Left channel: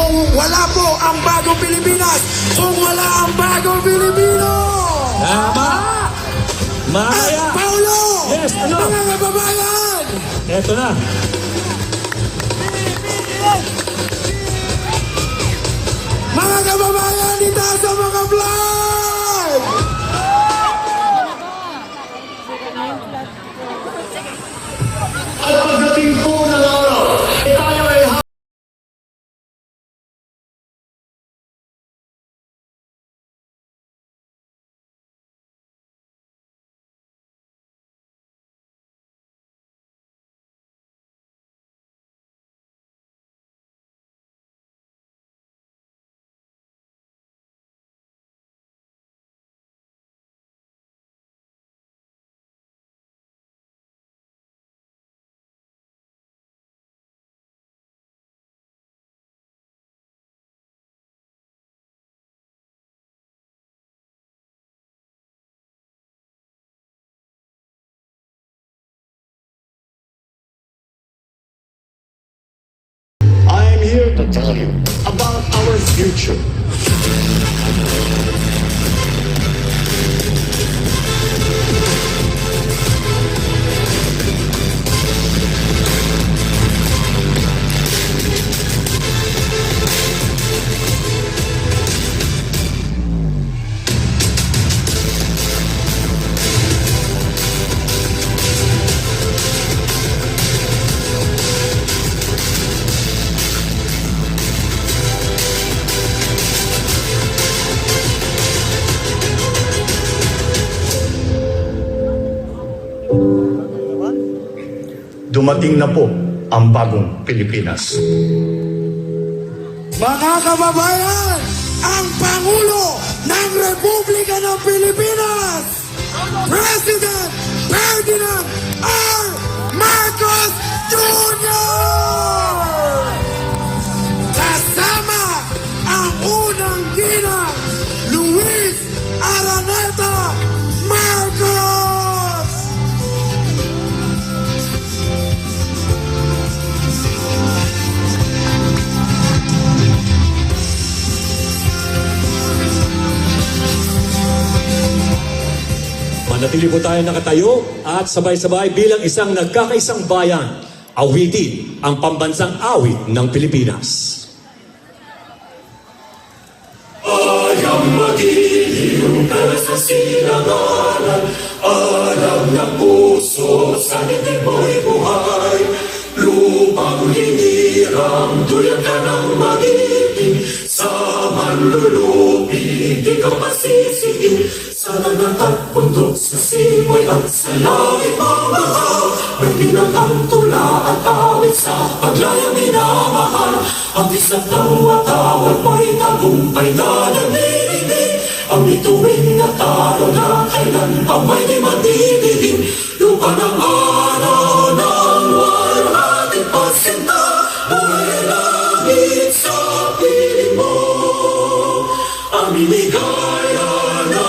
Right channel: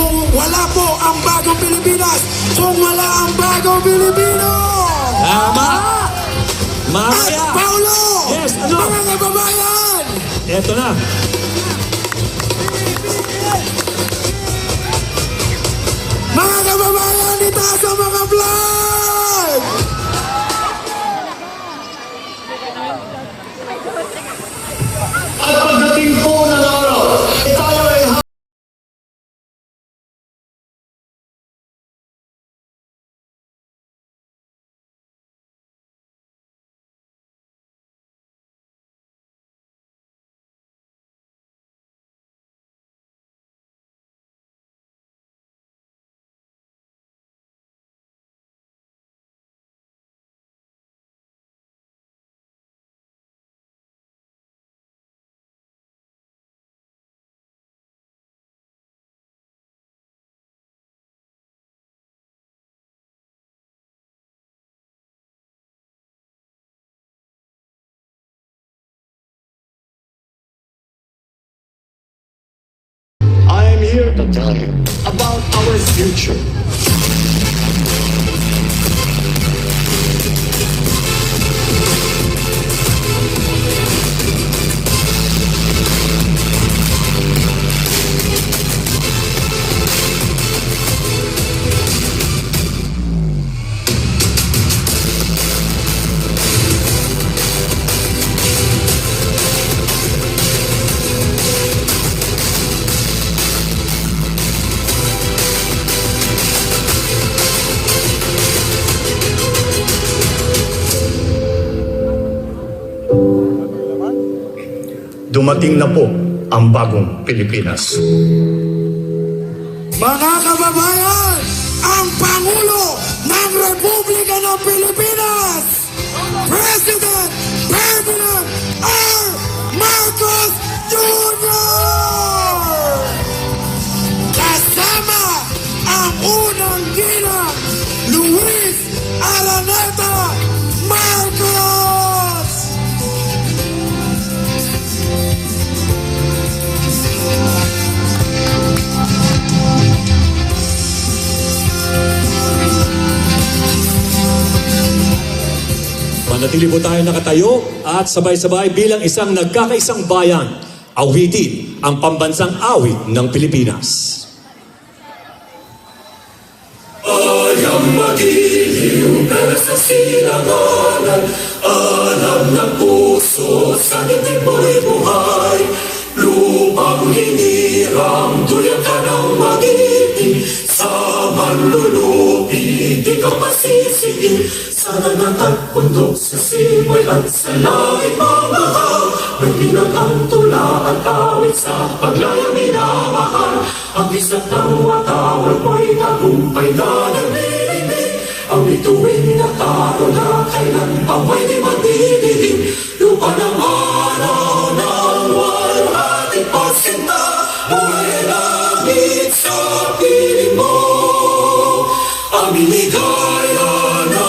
kung wala po ang Bagong Pilipinas, kung wala ang Bagong Pilipino. Tama. Mamaya. At Paulo, Yes, ano? mga kababayan. Eto na. Mga kababayan dito sa mga vlog. At pagdating po ng araw, tayo ay I'm here to tell you about our future. Dumating na po ang bagong Pilipinas. mga kababayan, ang Pangulo ng Republika ng Pilipinas, President Ferdinand R. Marcos Jr. Kasama ang unang ginang Luis Araneta Marcos. Manatili po tayo nakatayo at sabay-sabay bilang isang nagkakaisang bayan, awitin ang pambansang awit ng Pilipinas. Ayang magiliw na sa sinangalan, alam ng puso sa dibdib mo'y buhay. Lupang hinirang, duyan ka ng magiting, sa manlulupi, di ka masisikin. Sa nangatag bundok sa simoy at sa langit mamahal, malinang ang tula at awit sa paglayang minamahal. Ang isang ng watawag mo'y tagumpay na nanirinig, ang bituin na taro na kailan pa mo'y di magdidilim. Lupa ng araw ng 100% na buhay langit sa piling mo. Ang biligaya na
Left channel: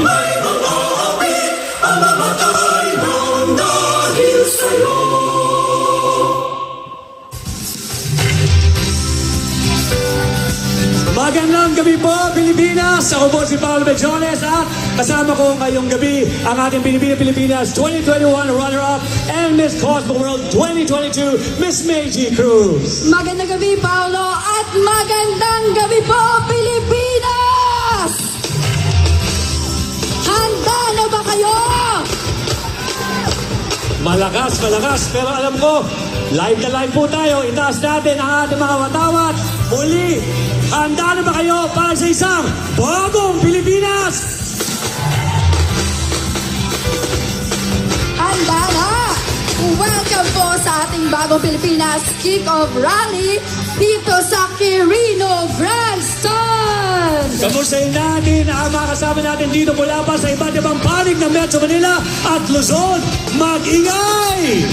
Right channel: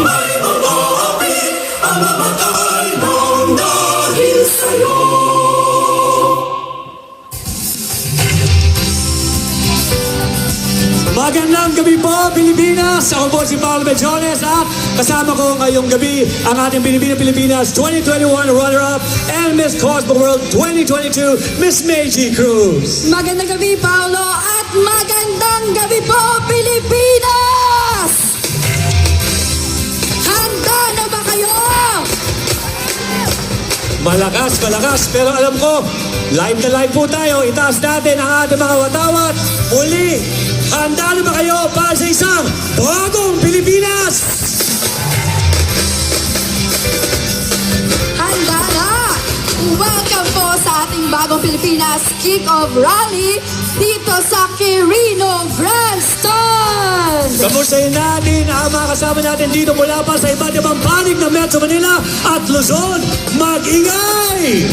may marapit, ang mamatay ng dahil sa'yo. Magandang gabi po, Pilipinas! Ako po si Paolo Bejones, ha? Kasama ko ngayong gabi ang ating Pilipinas 2021 runner-up and Miss Cosmo World 2022, Miss Meiji Cruz. Magandang gabi, Paolo, at magandang gabi po, Pilipinas! Handa na ba kayo? Malakas, pero alam ko, live na live po tayo. Itaas natin ang ating mga watawat. Muli, handa na ba kayo para sa isang bagong Pilipinas? Handa na! Welcome po sa ating Bagong Pilipinas Kick-Off Rally dito sa Quirino Grand Stand! Kamustahin natin ang mga kasama natin dito mula pa sa iba't ibang panig ng Metro Manila at Luzon. Mag-ingay!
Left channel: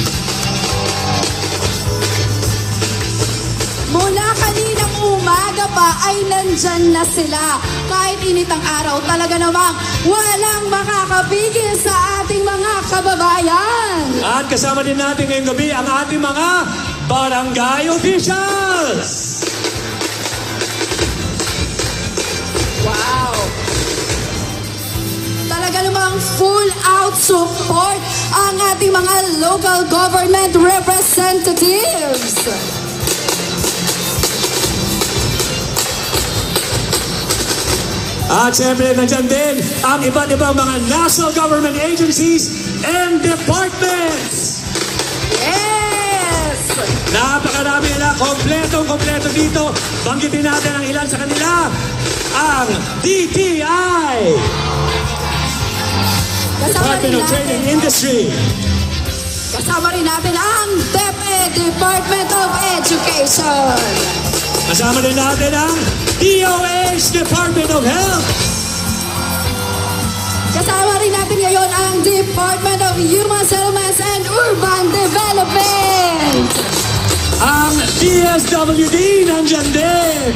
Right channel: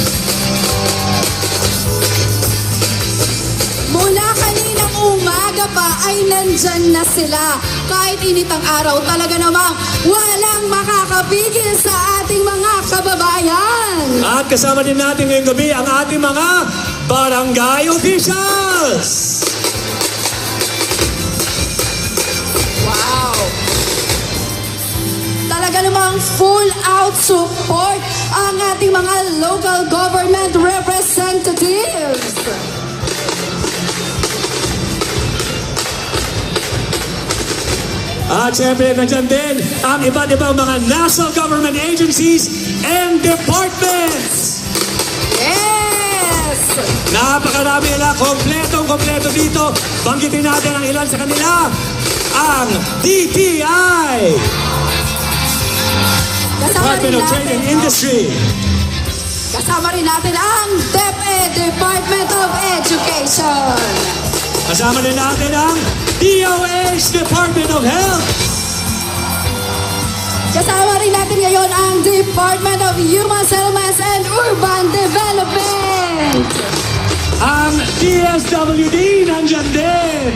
Mula kaninang umaga pa ay nandyan na sila. Kahit init ang araw, talaga namang walang makakapigil sa ating mga kababayan. At kasama din natin ngayong gabi ang ating mga barangay officials. without support ang ating mga local government representatives. At syempre, nandiyan din ang iba't ibang mga national government agencies and departments. Yes! Napakarami nila, kompleto dito. Banggitin natin ang ilan sa kanila. Ang DTI, Department of Trade and Industry. Kasama rin natin ang DepEd, Department of Education. Kasama din natin ang DOH, Department of Health. Kasama rin natin ngayon ang Department of Human Settlements and Urban Development. Ang DSWD, nandyan din.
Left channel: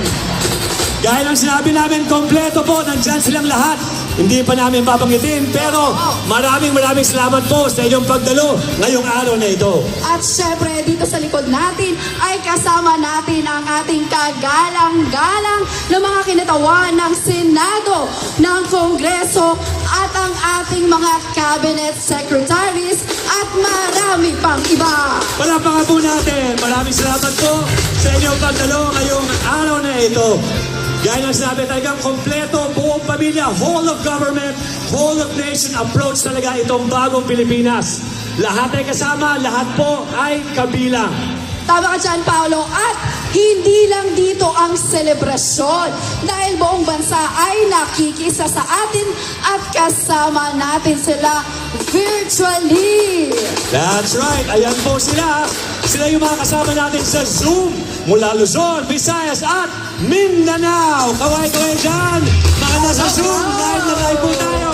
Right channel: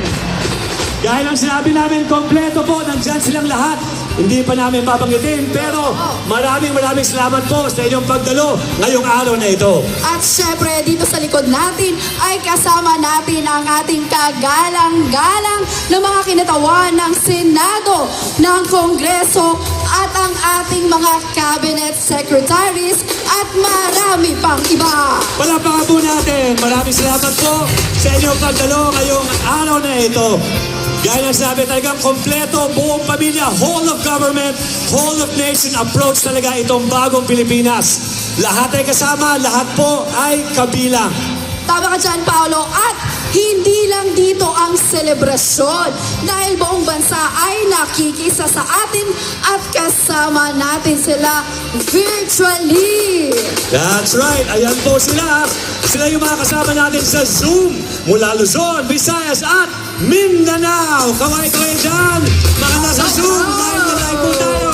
Gaya ng sinabi namin, kompleto po, nandyan silang lahat. Hindi pa namin papanggitin, pero maraming salamat po sa inyong pagdalo ngayong araw na ito. At syempre, dito sa likod natin ay kasama natin ang ating kagalang-galang na mga kinatawan ng Senado, ng Kongreso at ang ating mga cabinet secretaries at marami pang iba. Palapakan po natin. Maraming salamat po sa inyong pagdalo ngayong araw na ito. Gaya ng sabi, talagang kompleto, buong pamilya, whole of government, whole of nation approach talaga itong bagong Pilipinas. Lahat ay kasama, lahat po ay kabilang. Tama ka dyan, Paolo. At hindi lang dito ang selebrasyon dahil buong bansa ay nakikisa sa atin at kasama natin sila virtually. That's right. Ayan po sila. Sila yung mga kasama natin sa Zoom mula Luzon, Visayas at Mindanao. Kaway-kaway dyan. Mga nasa Zoom, live po tayo.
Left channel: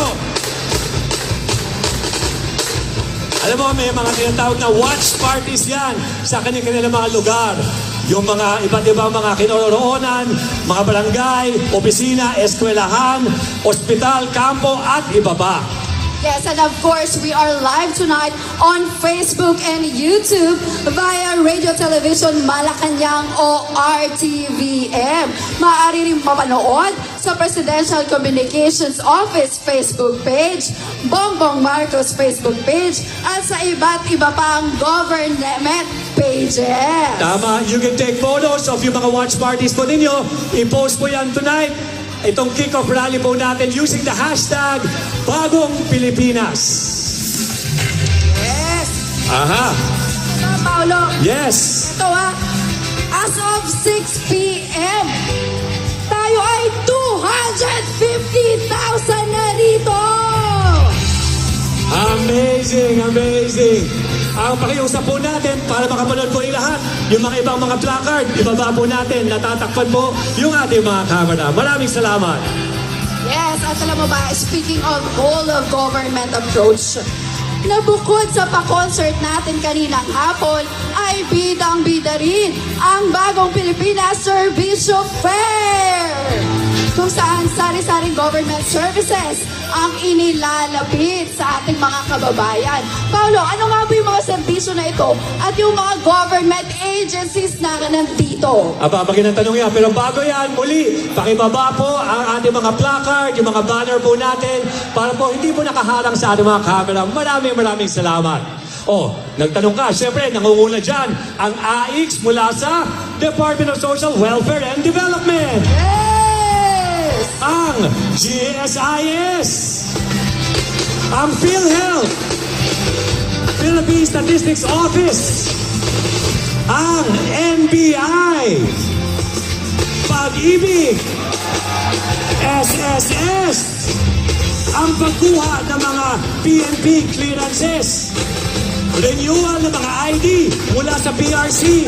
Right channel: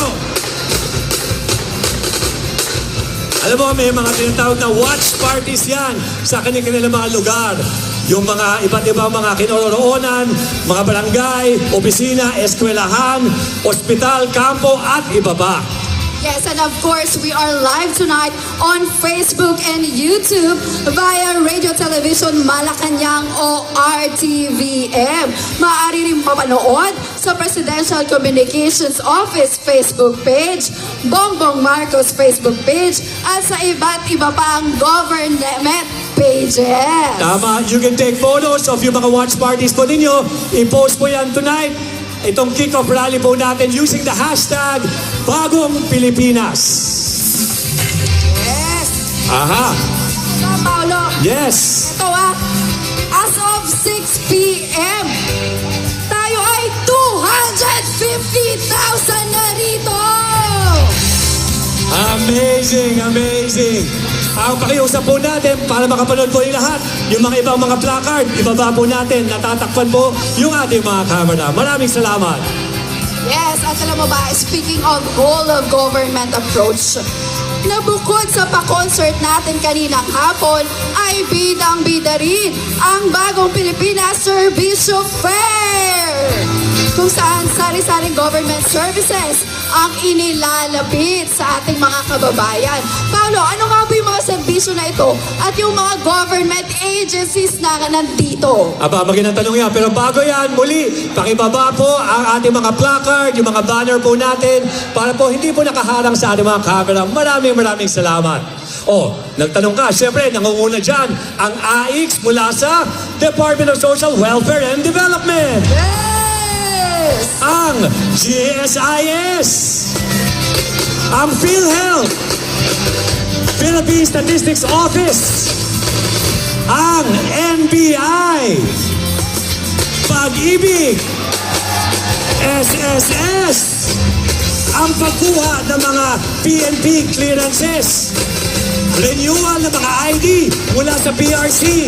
Alam mo, may mga tinatawag na watch parties yan sa kanilang mga lugar. Yung mga iba't ibang mga kinaroroonan, mga barangay, opisina, eskwelahan, ospital, kampo at iba pa. Yes, and of course, we are live tonight on Facebook and YouTube via Radio Television Malacanang o RTVM. Maaari rin mapanood sa Presidential Communications Office Facebook page, Bongbong Marcos Facebook page, at sa iba't iba pang government pages. Tama, you can take photos of yung mga watch parties po ninyo. I-post po yan tonight. Itong kick-off rally po natin using the hashtag Bagong Pilipinas. Yes! Aha. Paolo, Yes. ito as of 6 p.m., tayo ay 250,000 na rito! Amazing. Ang pakiusap po natin para makapanood po yung lahat. Yung mga ibang mga placard, ibaba po natin, natatakpan po yung ating mga camera. Maraming salamat. Yes, at alam mo ba, speaking of whole of government approach, na bukod sa pa-concert natin kaninang hapon, ay bidang-bida rin ang Bagong Pilipinas Servicio Fair! Kung saan sari-saring government services ang inilalapit sa ating mga kababayan. Paolo, ano nga po yung mga serbisyo na ito at yung mga government agencies na nandito? Ababagin ang tanong yan. Pero bago yan, muli, pakibaba po ang ating mga placard, yung mga banner po natin, para po hindi po nakaharang sa ating mga camera. Maraming salamat. Nagtanong ka, syempre, nangunguna dyan ang AIX mula sa Department of Social Welfare and Development. Yes! Ang GSIS, ang PhilHealth, Philippine Statistics Office, ang NBI, Pag-ibig, SSS, ang pagkuha ng mga PNP clearances, renewal ng mga ID mula sa PRC,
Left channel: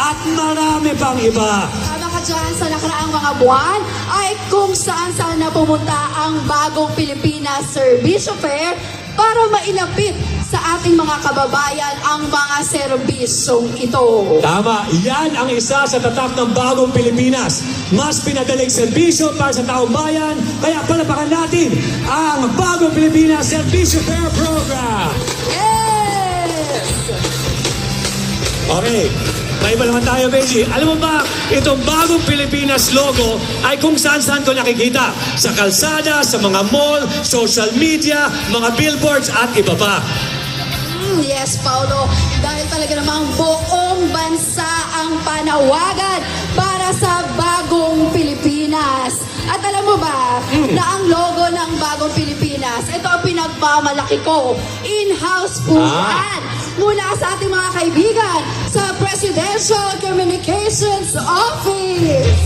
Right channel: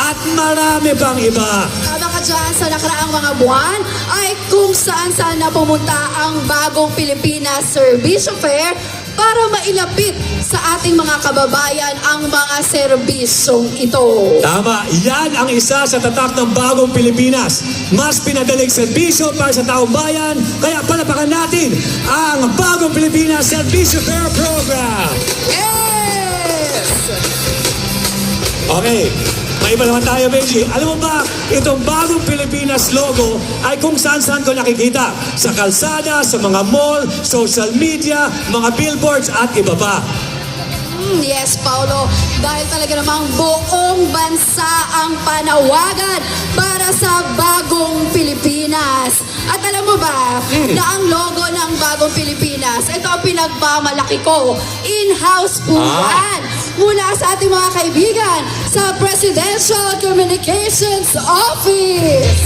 at marami pang iba. Tama ka dyan, sa nakaraang mga buwan ay kung saan na pumunta ang Bagong Pilipinas Servicio Fair para mailapit sa ating mga kababayan ang mga serbisyong ito. Tama, yan ang isa sa tatak ng Bagong Pilipinas. Mas pinadaling serbisyo para sa taong bayan, kaya palapakan natin ang Bagong Pilipinas Servicio Fair Program. Yes! Okay, may iba naman tayo, Benji. Alam mo ba, itong Bagong Pilipinas logo ay kung saan-saan ko nakikita. Sa kalsada, sa mga mall, social media, mga billboards at iba pa. Yes, Paolo. Dahil talaga namang buong bansa ang panawagan para sa Bagong Pilipinas. At alam mo ba na ang logo ng Bagong Pilipinas, ito ang pinagmamalaki ko. In-house po yan. Mula sa ating mga kaibigan sa Presidential Communications Office.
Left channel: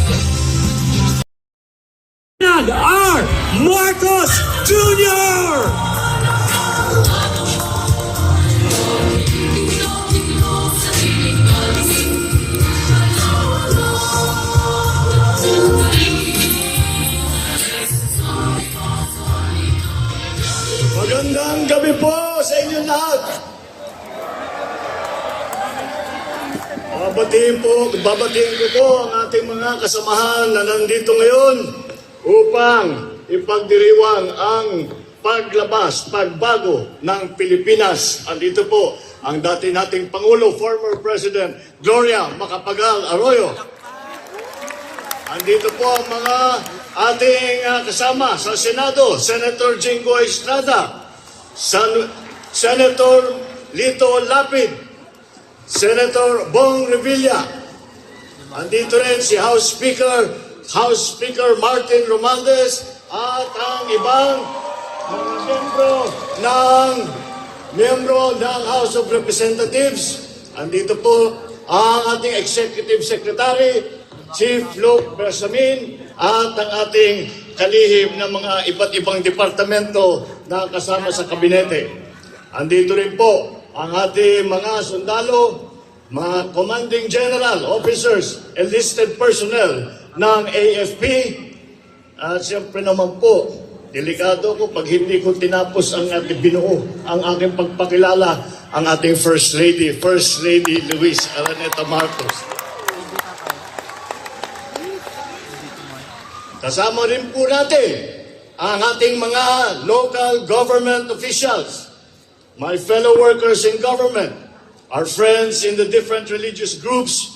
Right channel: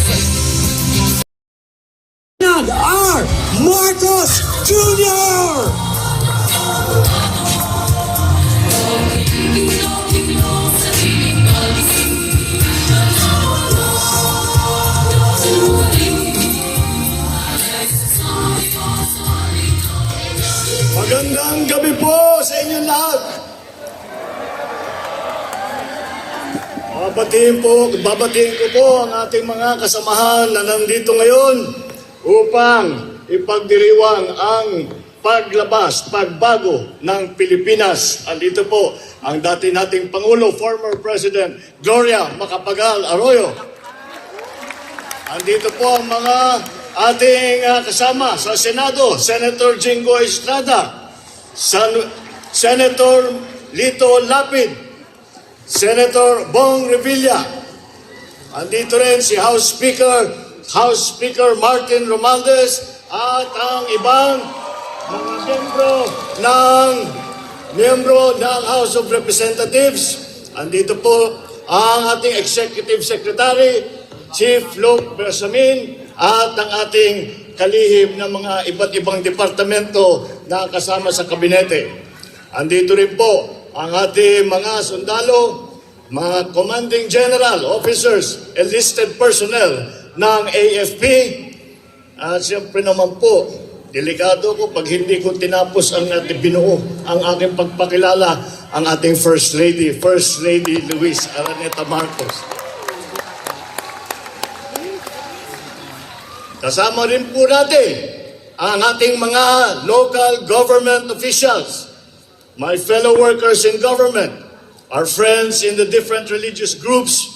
Ferdinand R. Marcos Jr. Magandang gabi po sa inyo lahat. Babatiin ko po ang ating mga kasamahan na nandito ngayon upang ipagdiriwang ang pagbago ng Pilipinas. Andito po ang dati nating Pangulo, former President Gloria Macapagal Arroyo. Andito po ang mga ating kasama sa Senado, Senator Jingo Estrada, Senator Lito Lapid, Senator Bong Revilla. Andito rin si House Speaker Martin Romualdez at ang ibang mga miyembro ng House of Representatives. Andito po ang ating Executive Secretary, Chief Luke Bersamin, at ang ating kalihim ng mga iba't ibang departamento na kasama sa kabinete. Andito rin po ang ating mga sundalo, mga commanding general, officers, enlisted personnel ng AFP. At siyempre naman po, delikado ko pag hindi ko tinapos ang ating binuo, ang aking pagpakilala, ang ating First Lady Luis Araneta Marcos. Kasama rin po natin ang ating mga local government officials, my fellow workers in government, our friends in the different religious groups,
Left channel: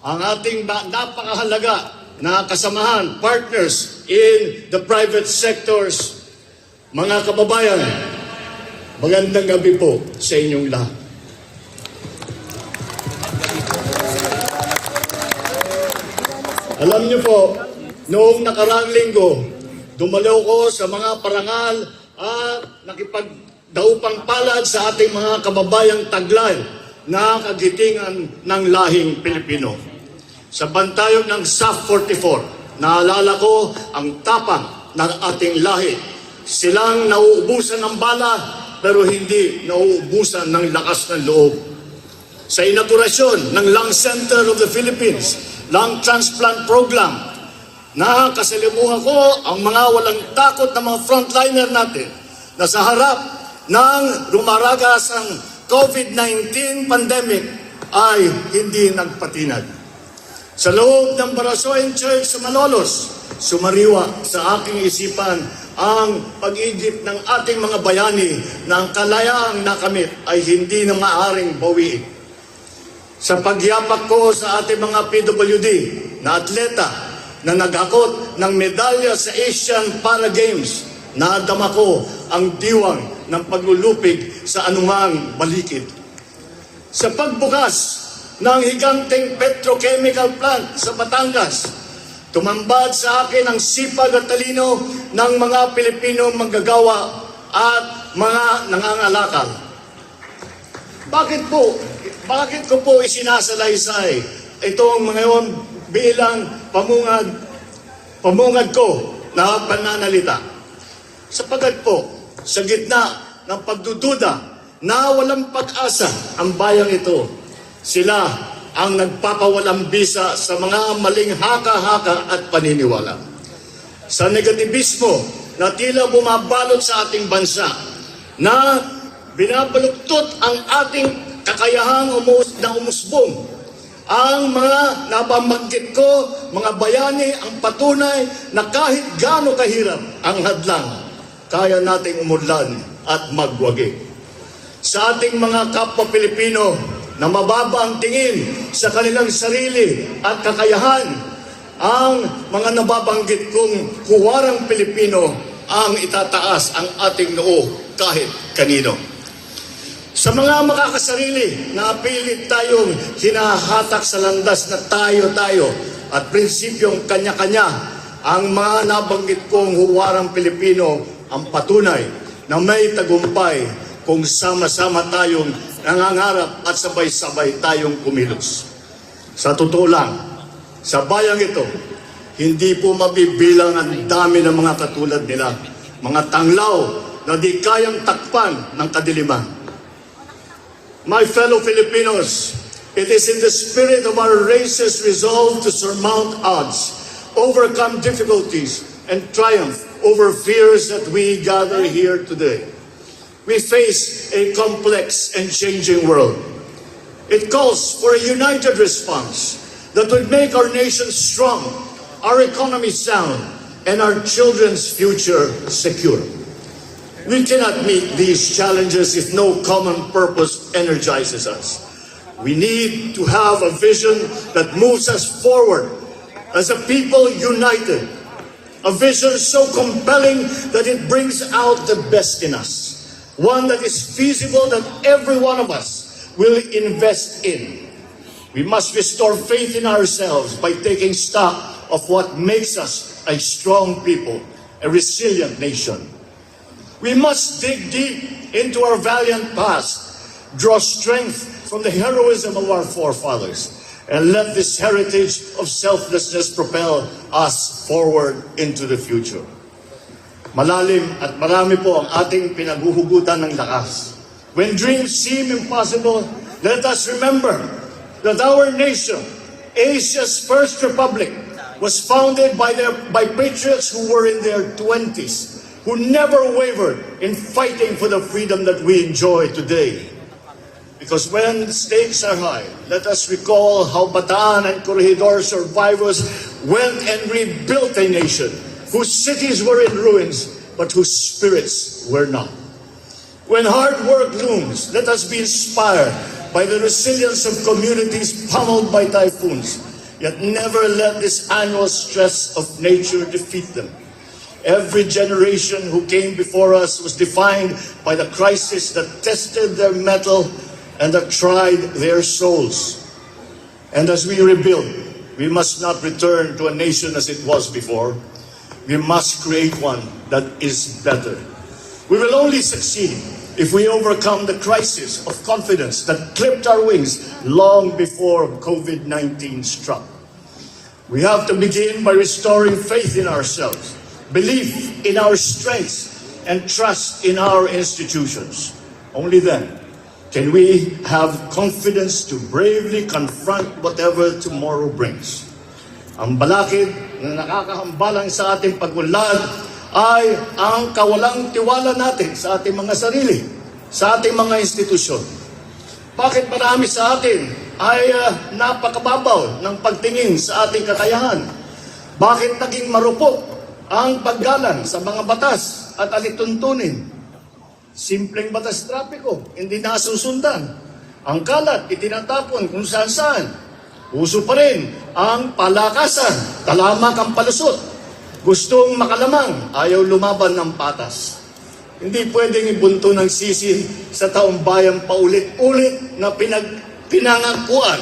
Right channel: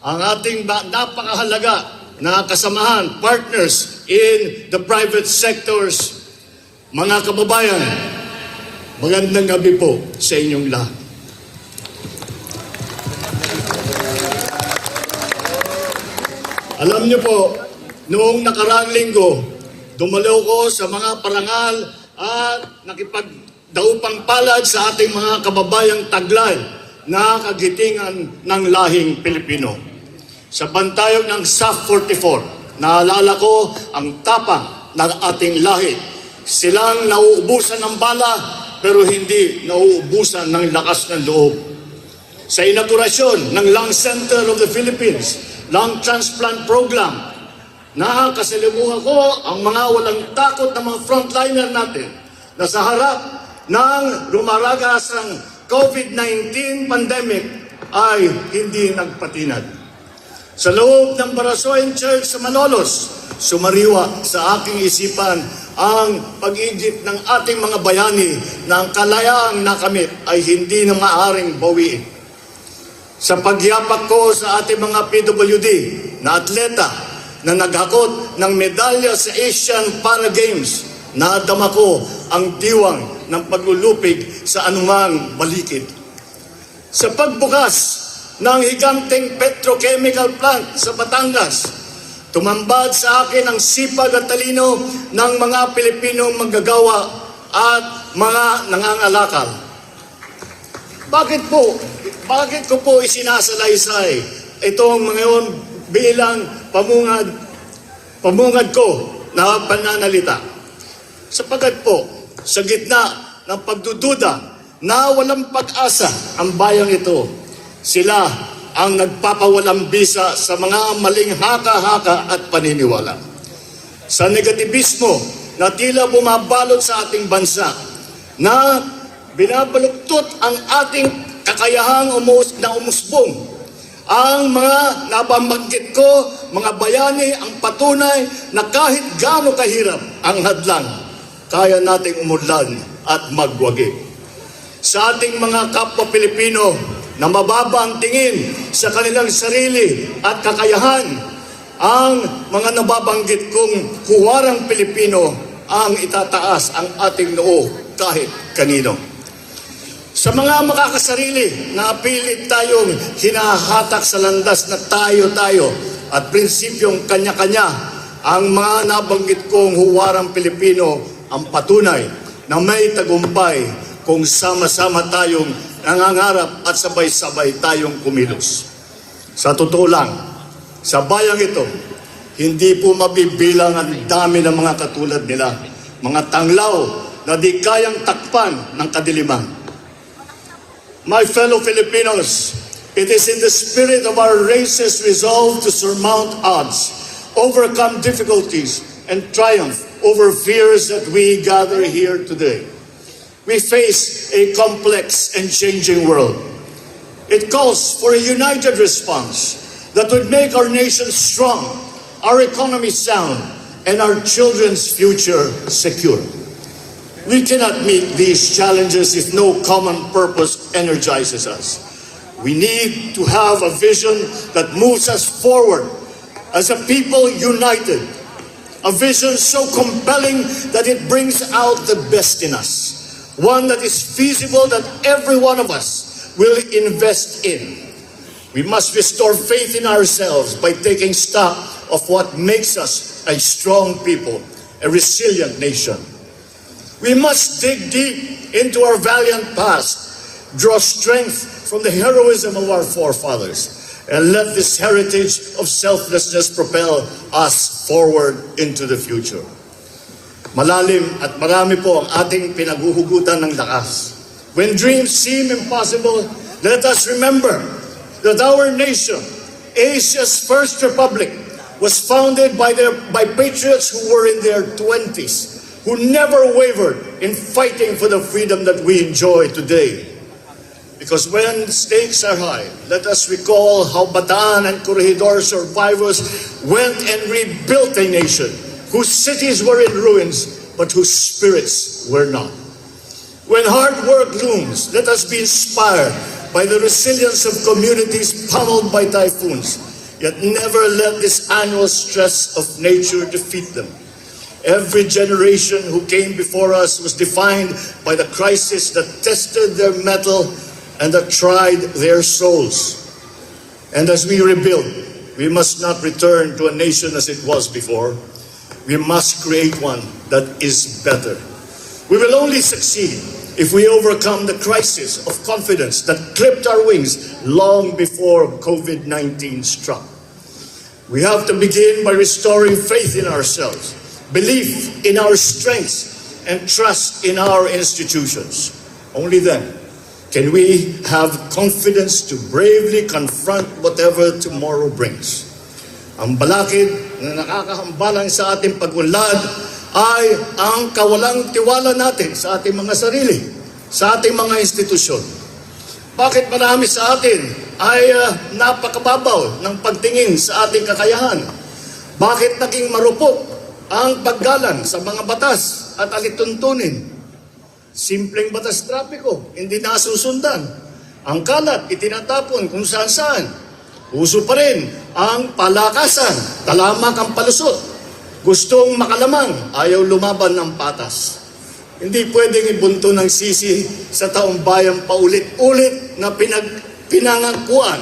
ang ating napakahalaga na kasamahan, partners in the private sectors, mga kababayan, magandang gabi po sa inyong lahat. Alam niyo po, noong nakaraang linggo, dumalo ko sa mga parangal at nakipagdaupang palad sa ating mga kababayang taglay na kagitingan ng lahing Pilipino. Sa bantayog ng SAF 44, naalala ko ang tapang ng ating lahi. Silang nauubusan ng bala pero hindi nauubusan ng lakas ng loob. Sa inaugurasyon ng Lung Center of the Philippines, Lung Transplant Program, nakasalimuhan ko ang mga walang takot na mga frontliner natin na sa harap ng lumaragasang COVID-19 pandemic ay hindi nagpatinag. Sa loob ng Barasoen Church sa Malolos, sumariwa sa aking isipan ang pag-igip ng ating mga bayani na ang kalayaang nakamit ay hindi na maaaring bawiin. Sa pagyapak ko sa ating mga PWD na atleta na naghakot ng medalya sa Asian Para Games, nadama ko ang diwang ng paglulupig sa anumang balikid. Sa pagbukas ng higanteng petrochemical plant sa Batangas, tumambad sa akin ang sipag at talino ng mga Pilipinong manggagawa at mga nangangalakal. Bakit ko po isinasalaysay itong mga yun bilang pamungad ko na pananalita? Sapagat po, sa gitna ng pagdududa na walang pag-asa ang bayang ito, sila ang nagpapawalang bisa sa mga maling haka-haka at paniniwala. Sa negativismo na tila bumabalot sa ating bansa, na binabaluktot ang ating kakayahang umusbong. Ang mga nababanggit ko, mga bayani, ang patunay na kahit gaano kahirap ang hadlang, kaya nating umudlan at magwagi. Sa ating mga kapwa Pilipino, na mababa ang tingin sa kanilang sarili at kakayahan. Ang mga nababanggit kong huwarang Pilipino ang itataas ang ating noo kahit kanino. Sa mga makakasarili na pilit tayong hinahatak sa landas na tayo-tayo at prinsipyong kanya-kanya, ang mga nabanggit kong huwarang Pilipino ang patunay na may tagumpay kung sama-sama tayong nangangarap at sabay-sabay tayong kumilos. Sa totoo lang, sa bayang ito, hindi po mabibilang ang dami ng mga katulad nila, mga tanglaw na di kayang takpan ng kadiliman. My fellow Filipinos, it is in the spirit of our race's resolve to surmount odds, overcome difficulties, and triumph over fears that we gather here today. We face a complex and changing world. It calls for a united response that would make our nation strong, our economy sound, and our children's future secure. We cannot meet these challenges if no common purpose energizes us. We need to have a vision that moves us forward as a people united. A vision so compelling that it brings out the best in us. One that is feasible that every one of us will invest in. We must restore faith in ourselves by taking stock of what makes us a strong people, a resilient nation. We must dig deep into our valiant past, draw strength from the heroism of our forefathers, and let this heritage of selflessness propel us forward into the future. Malalim at marami po ang ating pinaghuhugutan ng lakas. When dreams seem impossible, let us remember that our nation, Asia's first republic, was founded by patriots who were in their 20s, who never wavered in fighting for the freedom that we enjoy today. Because when stakes are high, let us recall how Bataan and Corregidor survivors went and rebuilt a nation whose cities were in ruins, but whose spirits were not. When hard work looms, let us be inspired by the resilience of communities pummeled by typhoons, yet never let this annual stress of nature defeat them. Every generation who came before us was defined by the crisis that tested their mettle and that tried their souls. And as we rebuild, we must not return to a nation as it was before. We must create one that is better. We will only succeed if we overcome the crisis of confidence that clipped our wings long before COVID-19 struck. We have to begin by restoring faith in ourselves, belief in our strengths, and trust in our institutions. Only then can we have confidence to bravely confront whatever tomorrow brings. Ang balakid na nakakahambalang sa ating pag-unlad ay ang kawalang tiwala natin sa ating mga sarili, sa ating mga institusyon. Bakit marami sa atin ay napakababaw ng pagtingin sa ating kakayahan? Bakit naging marupok ang paggalang sa mga batas at alituntunin? Simpleng batas trapiko, hindi nasusundan. Ang kalat, itinatapon kung saan-saan. Uso pa rin ang palakasan, talamak ang palusot. Gustong makalamang, ayaw lumaban ng patas. Hindi pwedeng ibunto ng sisi sa taong bayan paulit-ulit na pinangakuan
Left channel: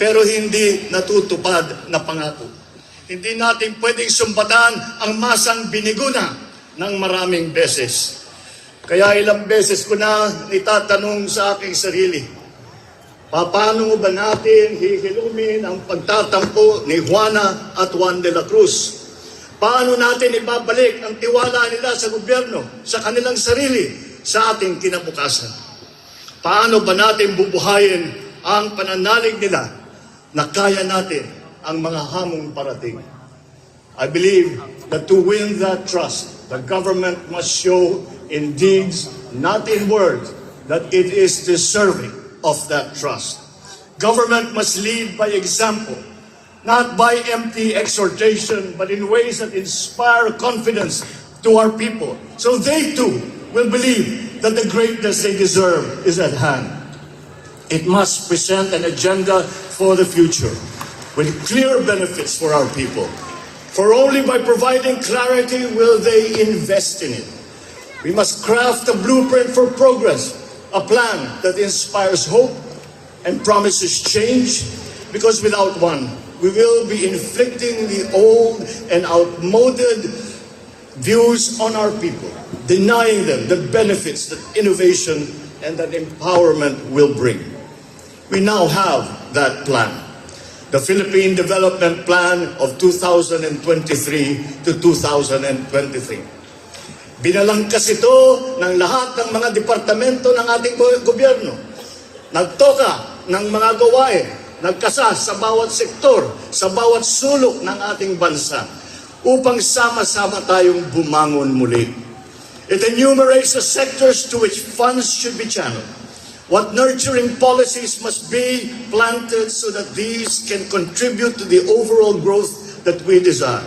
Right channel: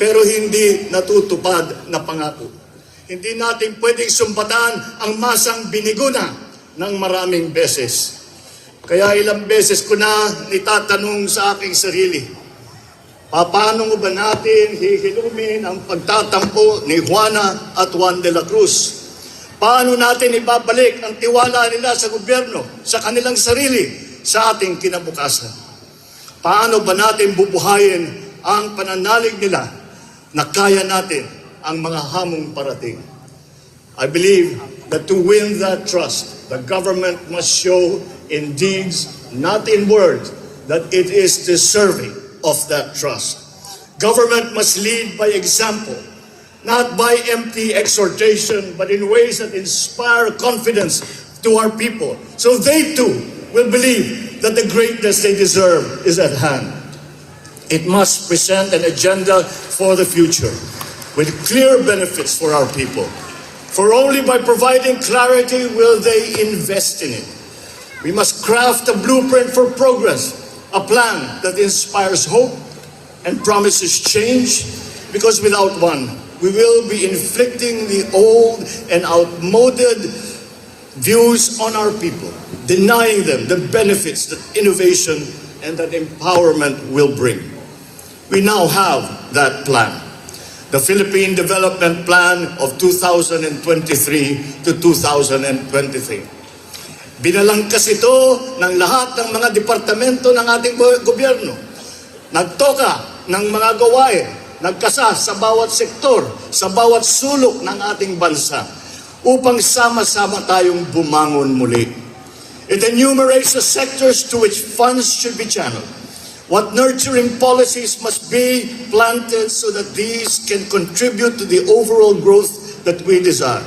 pero hindi natutupad na pangako. Hindi natin pwedeng sumbatan ang masang biniguna ng maraming beses. Kaya ilang beses ko na itatanong sa aking sarili, paano ba natin hihilumin ang pagtatampo ni Juana at Juan de la Cruz? Paano natin ibabalik ang tiwala nila sa gobyerno, sa kanilang sarili, sa ating kinabukasan? Paano ba natin bubuhayin ang pananalig nila na kaya natin ang mga hamong parating? I believe that to win that trust, the government must show in deeds, not in words, that it is deserving of that trust. Government must lead by example, not by empty exhortation, but in ways that inspire confidence to our people, so they too will believe that the greatness they deserve is at hand. It must present an agenda for the future with clear benefits for our people. For only by providing clarity will they invest in it. We must craft a blueprint for progress, a plan that inspires hope and promises change, because without one, we will be inflicting the old and outmoded views on our people, denying them the benefits that innovation and that empowerment will bring. We now have that plan, the Philippine Development Plan of 2023 to 2023. Binalangkas ito ng lahat ng mga departamento ng ating gobyerno. Nagtoka ng mga gawain, nagkasa sa bawat sektor, sa bawat sulok ng ating bansa upang sama-sama tayong bumangon muli. It enumerates the sectors to which funds should be channeled. What nurturing policies must be planted so that these can contribute to the overall growth that we desire.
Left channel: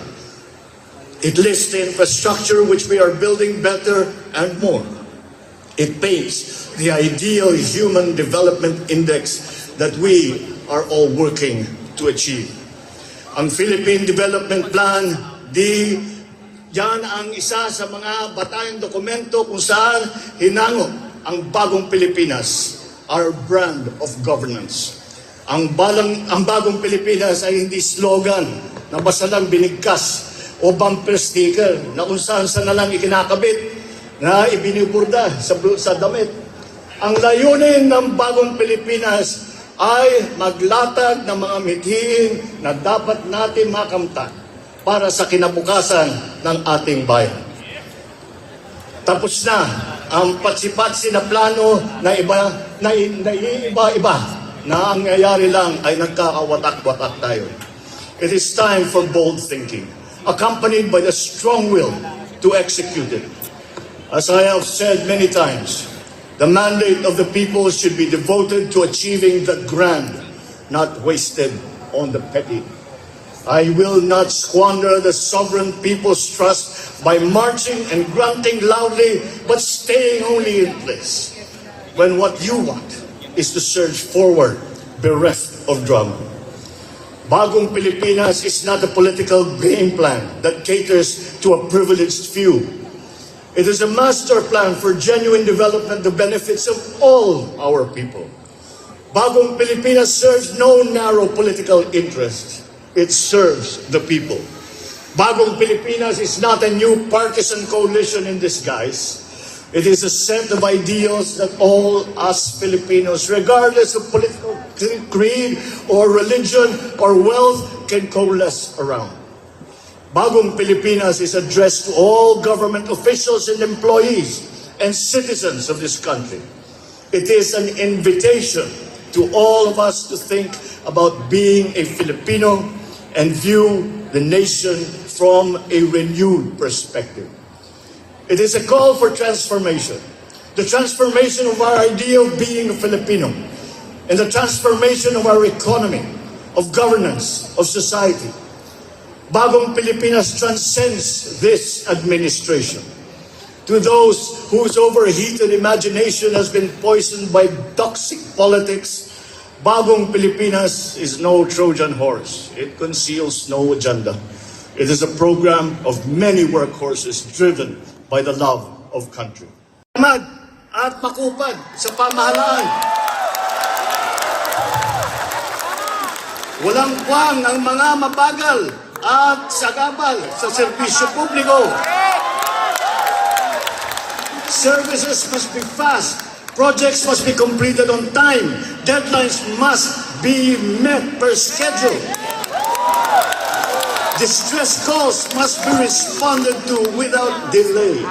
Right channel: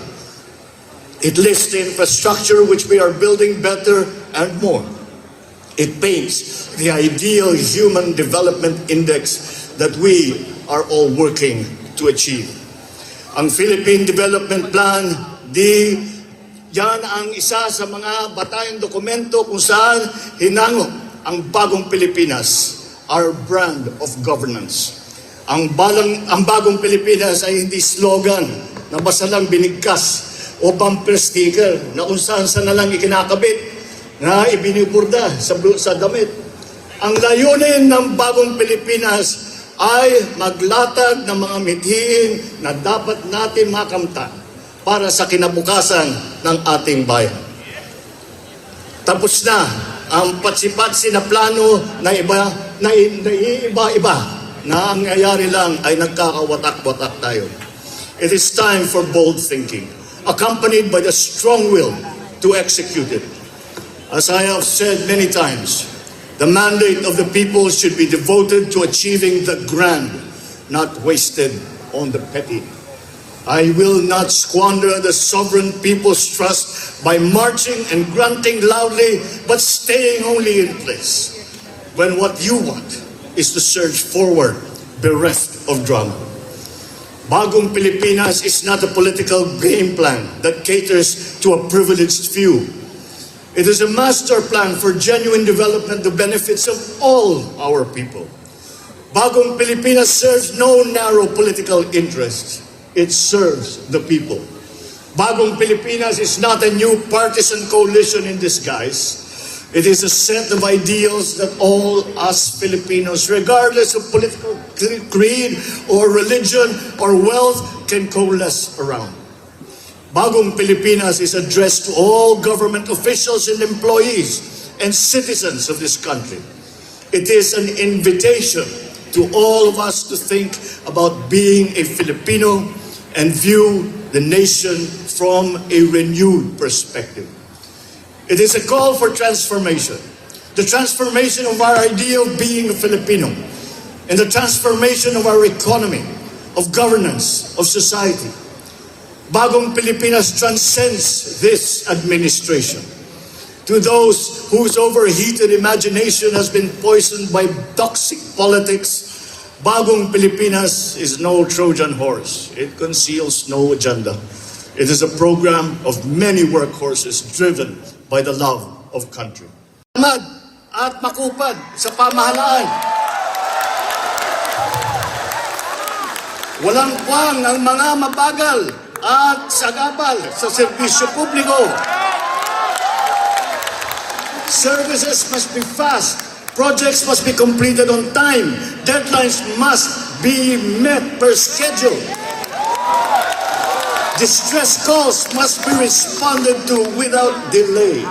It lists the infrastructure which we are building better and more. It paints the ideal human development index that we are all working to achieve. Ang Philippine Development Plan, yan ang isa sa mga batayang dokumento kung saan hinango ang Bagong Pilipinas, our brand of governance. Ang Bagong Pilipinas ay hindi slogan na basta lang binigkas o bumper sticker na kung saan na lang ikinakabit na ibiniburda sa damit. Ang layunin ng Bagong Pilipinas ay maglatag ng mga mithiin na dapat natin makamtan para sa kinabukasan ng ating bayan. Tapos na ang patsi-patsi na plano na iba-iba na ang nangyayari lang ay nagkakawatak-watak tayo. It is time for bold thinking, accompanied by the strong will to execute it. As I have said many times, the mandate of the people should be devoted to achieving the grand, not wasted on the petty. I will not squander the sovereign people's trust by marching and grunting loudly, but staying only in place, when what you want is to surge forward, bereft of drama. Bagong Pilipinas is not a political game plan that caters to a privileged few. It is a master plan for genuine development, the benefits of all our people. Bagong Pilipinas serves no narrow political interest. It serves the people. Bagong Pilipinas is not a new partisan coalition in disguise. It is a set of ideals that all us Filipinos, regardless of political creed or religion or wealth, can coalesce around. Bagong Pilipinas is addressed to all government officials and employees and citizens of this country. It is an invitation to all of us to think about being a Filipino and view the nation from a renewed perspective. It is a call for transformation. The transformation of our idea of being a Filipino and the transformation of our economy, of governance, of society. Bagong Pilipinas transcends this administration. To those whose overheated imagination has been poisoned by toxic politics, Bagong Pilipinas is no Trojan horse. It conceals no agenda. It is a program of many workhorses driven by the love of country. Tamad at makupad sa pamahalaan. Walang kwang ang mga mabagal at sagabal sa serbisyo publiko. Services must be fast. Projects must be completed on time. Deadlines must be met per schedule. Distress calls must be responded to without delay.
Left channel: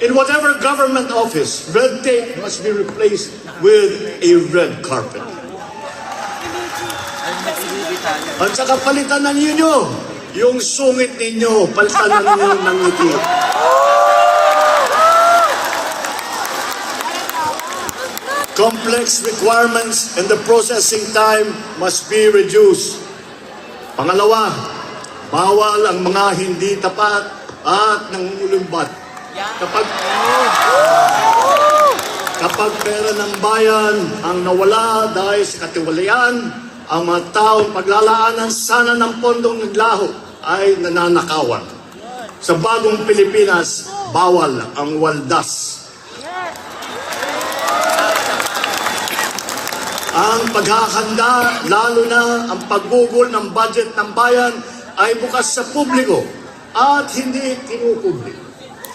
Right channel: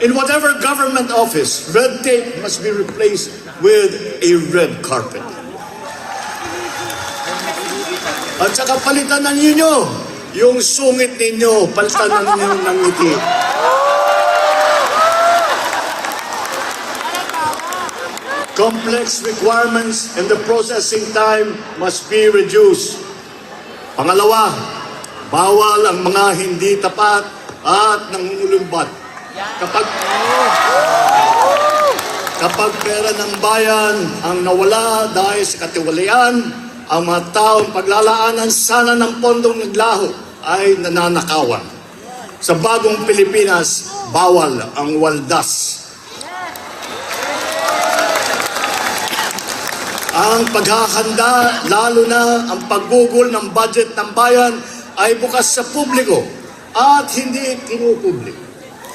In whatever government office, red tape must be replaced with a red carpet. At saka palitan na ninyo yung sungit ninyo, palitan na ninyo ng ngiti. Complex requirements and the processing time must be reduced. Pangalawa, bawal ang mga hindi tapat at nangunulumbat. Kapag pera ng bayan ang nawala dahil sa katiwalian, ang mga taong paglalaanan sana ng pondong naglaho ay nananakawan. Sa Bagong Pilipinas, bawal ang waldas. Ang paghahanda, lalo na ang paggugol ng budget ng bayan ay bukas sa publiko at hindi kinukubli.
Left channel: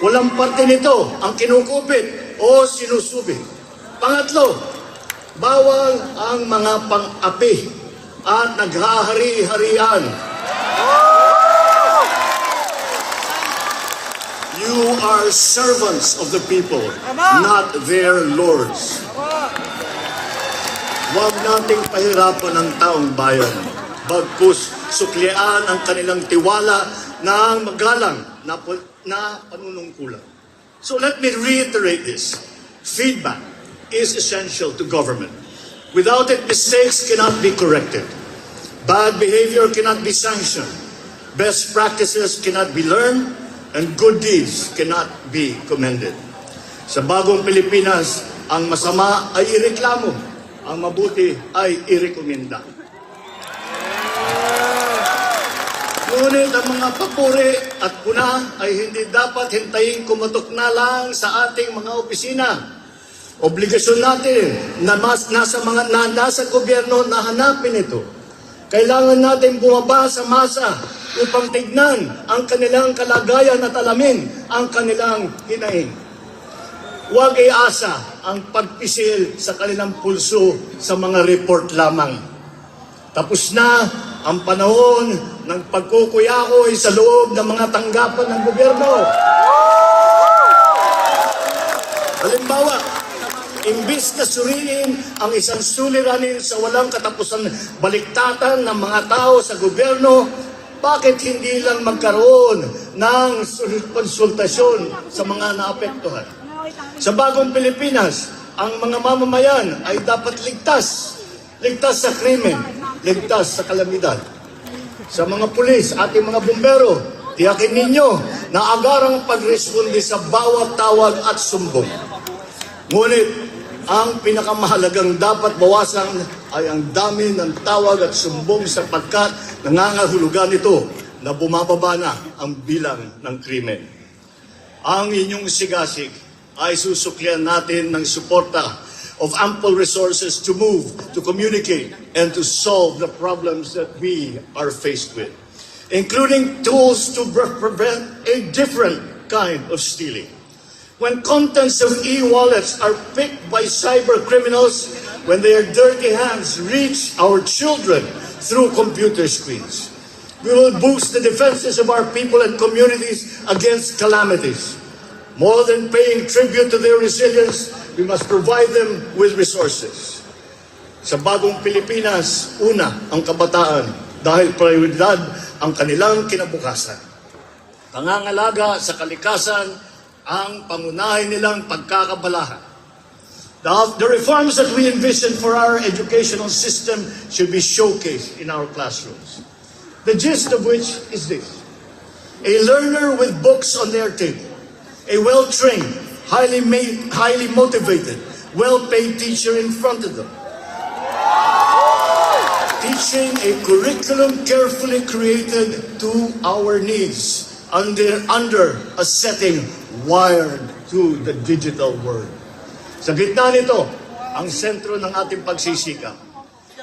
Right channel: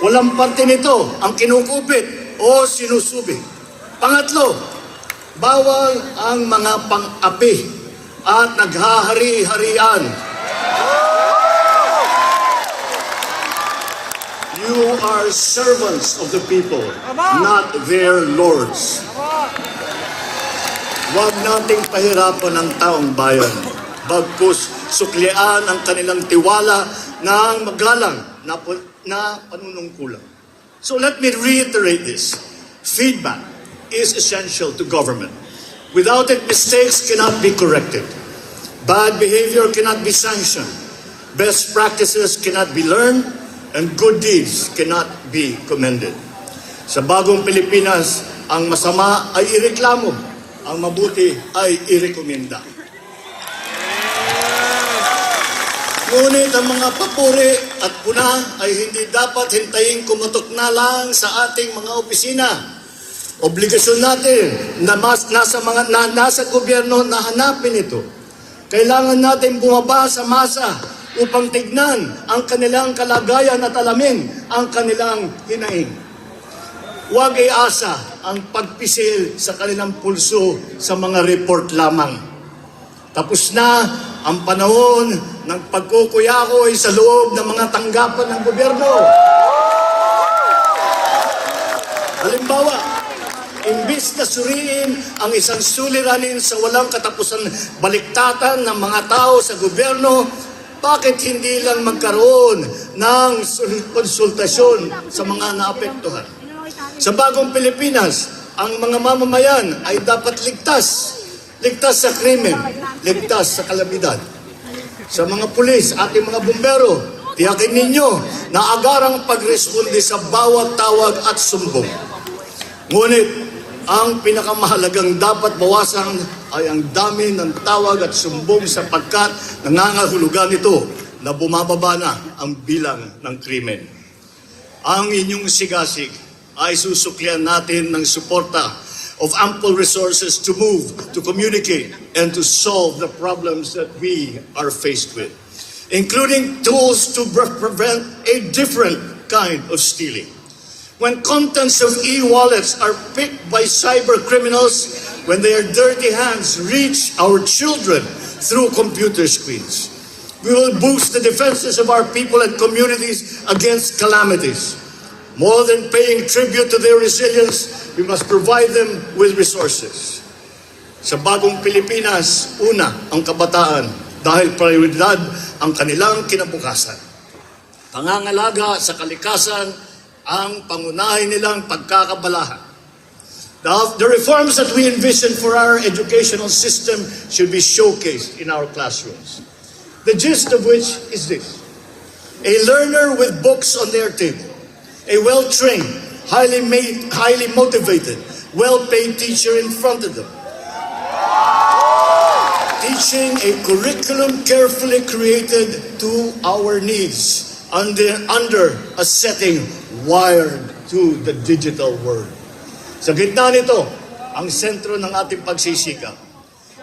Walang parte nito ang kinukupit o sinusubi. Pangatlo, bawal ang mga pang-api at naghahari-harian. You are servants of the people, not their lords. Huwag nating pahirapan ang taong bayan. Bagkus suklian ang kanilang tiwala ng magalang na panunungkulan. So let me reiterate this. Feedback is essential to government. Without it, mistakes cannot be corrected. Bad behavior cannot be sanctioned. Best practices cannot be learned. And good deeds cannot be commended. Sa Bagong Pilipinas, ang masama ay ireklamo. Ang mabuti ay irekomenda. Ngunit ang mga papuri at puna ay hindi dapat hintayin kumatok na lang sa ating mga opisina. Obligasyon natin na nasa gobyerno na hanapin ito. Kailangan natin bumaba sa masa upang tignan ang kanilang kalagayan at alamin ang kanilang hinaing. Huwag iasa ang pagpisil sa kanilang pulso sa mga report lamang. Tapos na ang panahon ng pagkukuyakoy sa loob ng mga tanggapan ng gobyerno. Halimbawa, imbis na suriin ang isang suliranin sa walang katapusan baliktatan ng mga tao sa gobyerno, bakit hindi lang magkaroon ng konsultasyon sa mga naapektuhan? Sa Bagong Pilipinas, ang mga mamamayan ay dapat ligtas. Ligtas sa krimen, ligtas sa kalamidad. Sa mga pulis, ating mga bumbero, tiyakin ninyo na agarang pagresponde sa bawat tawag at sumbong. Ngunit, ang pinakamahalagang dapat bawasan ay ang dami ng tawag at sumbong sapagkat nangangahulugan ito na bumababa na ang bilang ng krimen. Ang inyong sigasig ay susuklian natin ng suporta of ample resources to move, to communicate, and to solve the problems that we are faced with, including tools to prevent a different kind of stealing. When contents of e-wallets are picked by cyber criminals, when their dirty hands reach our children through computer screens, we will boost the defenses of our people and communities against calamities. More than paying tribute to their resilience, we must provide them with resources. Sa Bagong Pilipinas, una ang kabataan dahil prioridad ang kanilang kinabukasan. Pangangalaga sa kalikasan ang pangunahin nilang pagkakabalahan. The reforms that we envision for our educational system should be showcased in our classrooms. The gist of which is this: a learner with books on their table, a well-trained, highly motivated, well-paid teacher in front of them. Teaching a curriculum carefully created to our needs under a setting wired to the digital world. Sa gitna nito, ang sentro ng ating pagsisikap.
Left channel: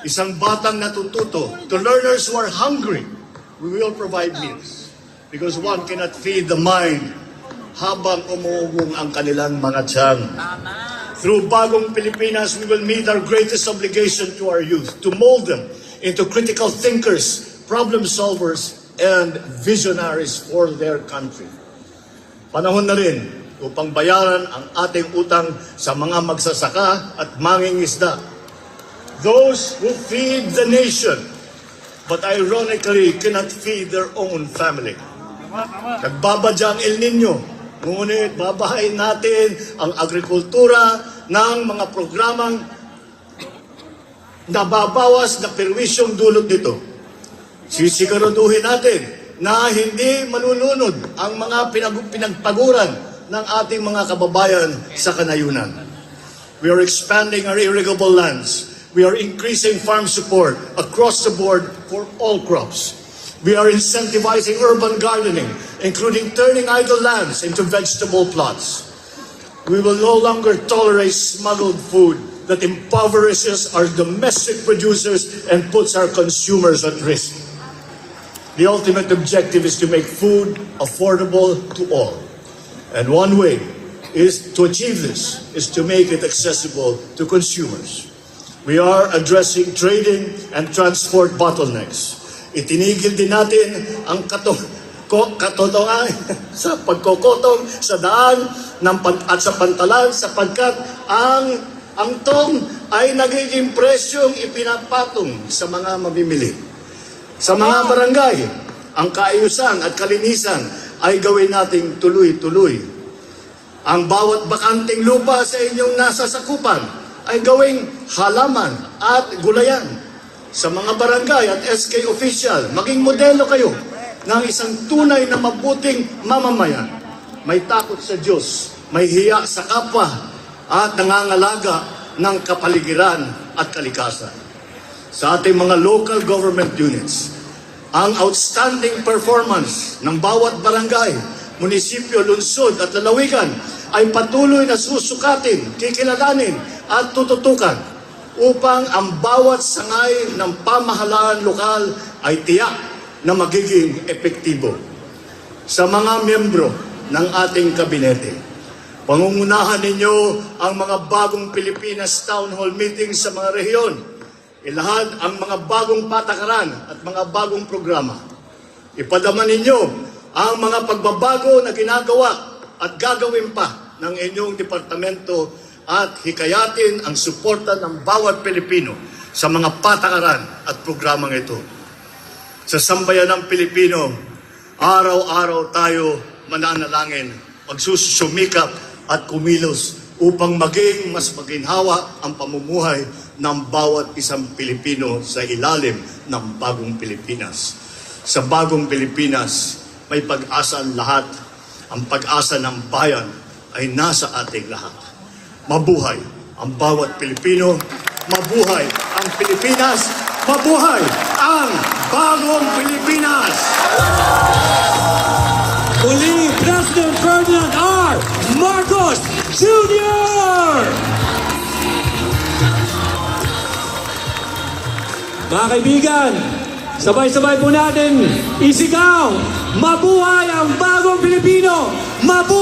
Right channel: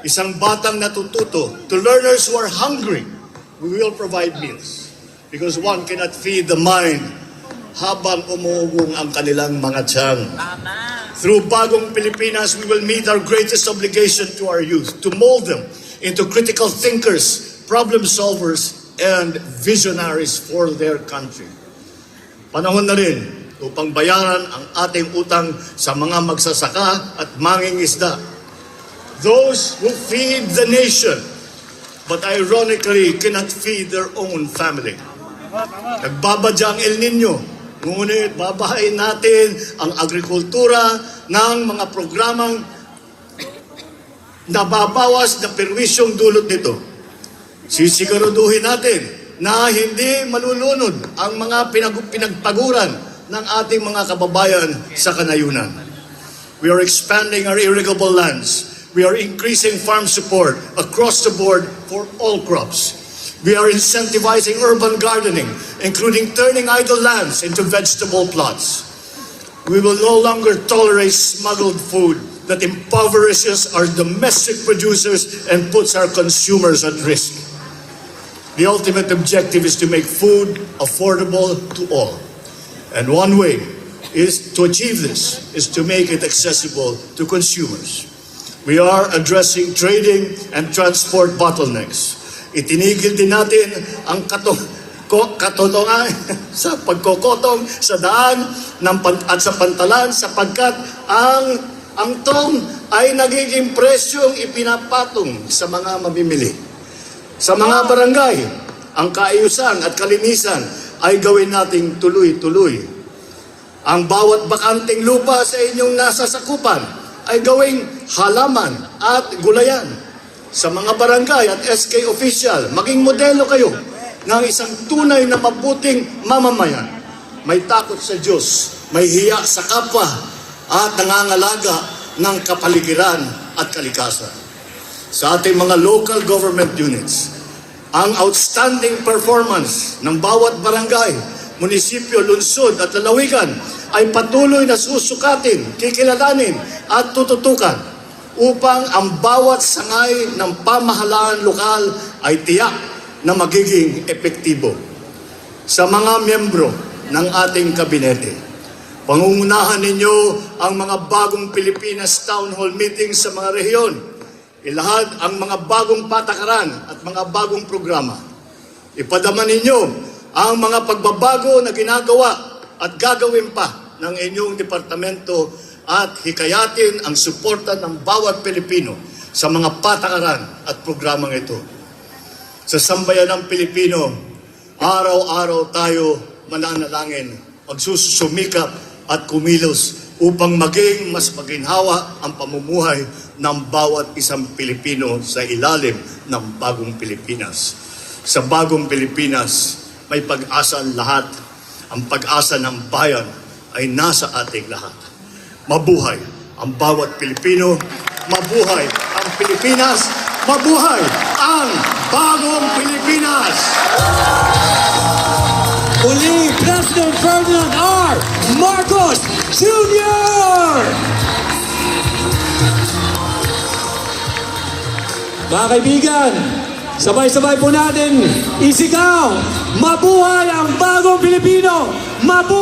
Isang batang natututo to learners who are hungry. We will provide meals because one cannot feed the mind habang umuugong ang kanilang mga tiyan. Through Bagong Pilipinas, we will meet our greatest obligation to our youth, to mold them into critical thinkers, problem solvers, and visionaries for their country. Panahon na rin upang bayaran ang ating utang sa mga magsasaka at mangingisda. Those who feed the nation, but ironically cannot feed their own family. Nagbabadya ang El Nino. Ngunit babahayin natin ang agrikultura ng mga programang nababawas na perwisyong dulot nito. Sisiguraduhin natin na hindi malulunod ang mga pinagpaguran ng ating mga kababayan sa kanayunan. We are expanding our irrigable lands. We are increasing farm support across the board for all crops. We are incentivizing urban gardening, including turning idle lands into vegetable plots. We will no longer tolerate smuggled food that impoverishes our domestic producers and puts our consumers at risk. The ultimate objective is to make food affordable to all. And one way is to achieve this is to make it accessible to consumers. We are addressing trading and transport bottlenecks. Itinigil din natin ang katotohanan sa pagkokotong sa daan at sa pantalan sapagkat ang tong ay nagiging presyong ipinapatong sa mga mamimili. Sa mga barangay, ang kaayusan at kalinisan ay gawin nating tuloy-tuloy. Ang bawat bakanting lupa sa inyong nasasakupan ay gawing halaman at gulayan. Sa mga barangay at SK official, maging modelo kayo ng isang tunay na mabuting mamamayan. May takot sa Diyos, may hiya sa kapwa, at nangangalaga ng kapaligiran at kalikasan. Sa ating mga local government units, ang outstanding performance ng bawat barangay, munisipyo, lungsod at lalawigan ay patuloy na susukatin, kikilalanin at tututukan upang ang bawat sangay ng pamahalaan lokal ay tiyak na magiging epektibo. Sa mga miyembro ng ating kabinete, pangungunahan ninyo ang mga Bagong Pilipinas Town Hall meetings sa mga rehiyon. Ilahad ang mga bagong patakaran at mga bagong programa. Ipadama ninyo ang mga pagbabago na ginagawa at gagawin pa ng inyong departamento at hikayatin ang suporta ng bawat Pilipino sa mga patakaran at programang ito. Sa sambayan ng Pilipino, araw-araw tayo mananalangin, magsusumikap at kumilos upang maging mas maginhawa ang pamumuhay ng bawat isang Pilipino sa ilalim ng Bagong Pilipinas. Sa Bagong Pilipinas, may pag-asa ang lahat. Ang pag-asa ng bayan ay nasa ating lahat. Mabuhay ang bawat Pilipino, mabuhay ang Pilipinas, mabuhay ang Bagong Pilipinas! Muli, President Ferdinand R. Marcos Jr. Mga kaibigan, sabay-sabay po natin isigaw, mabuhay ang Bagong Pilipino! Mabuhay!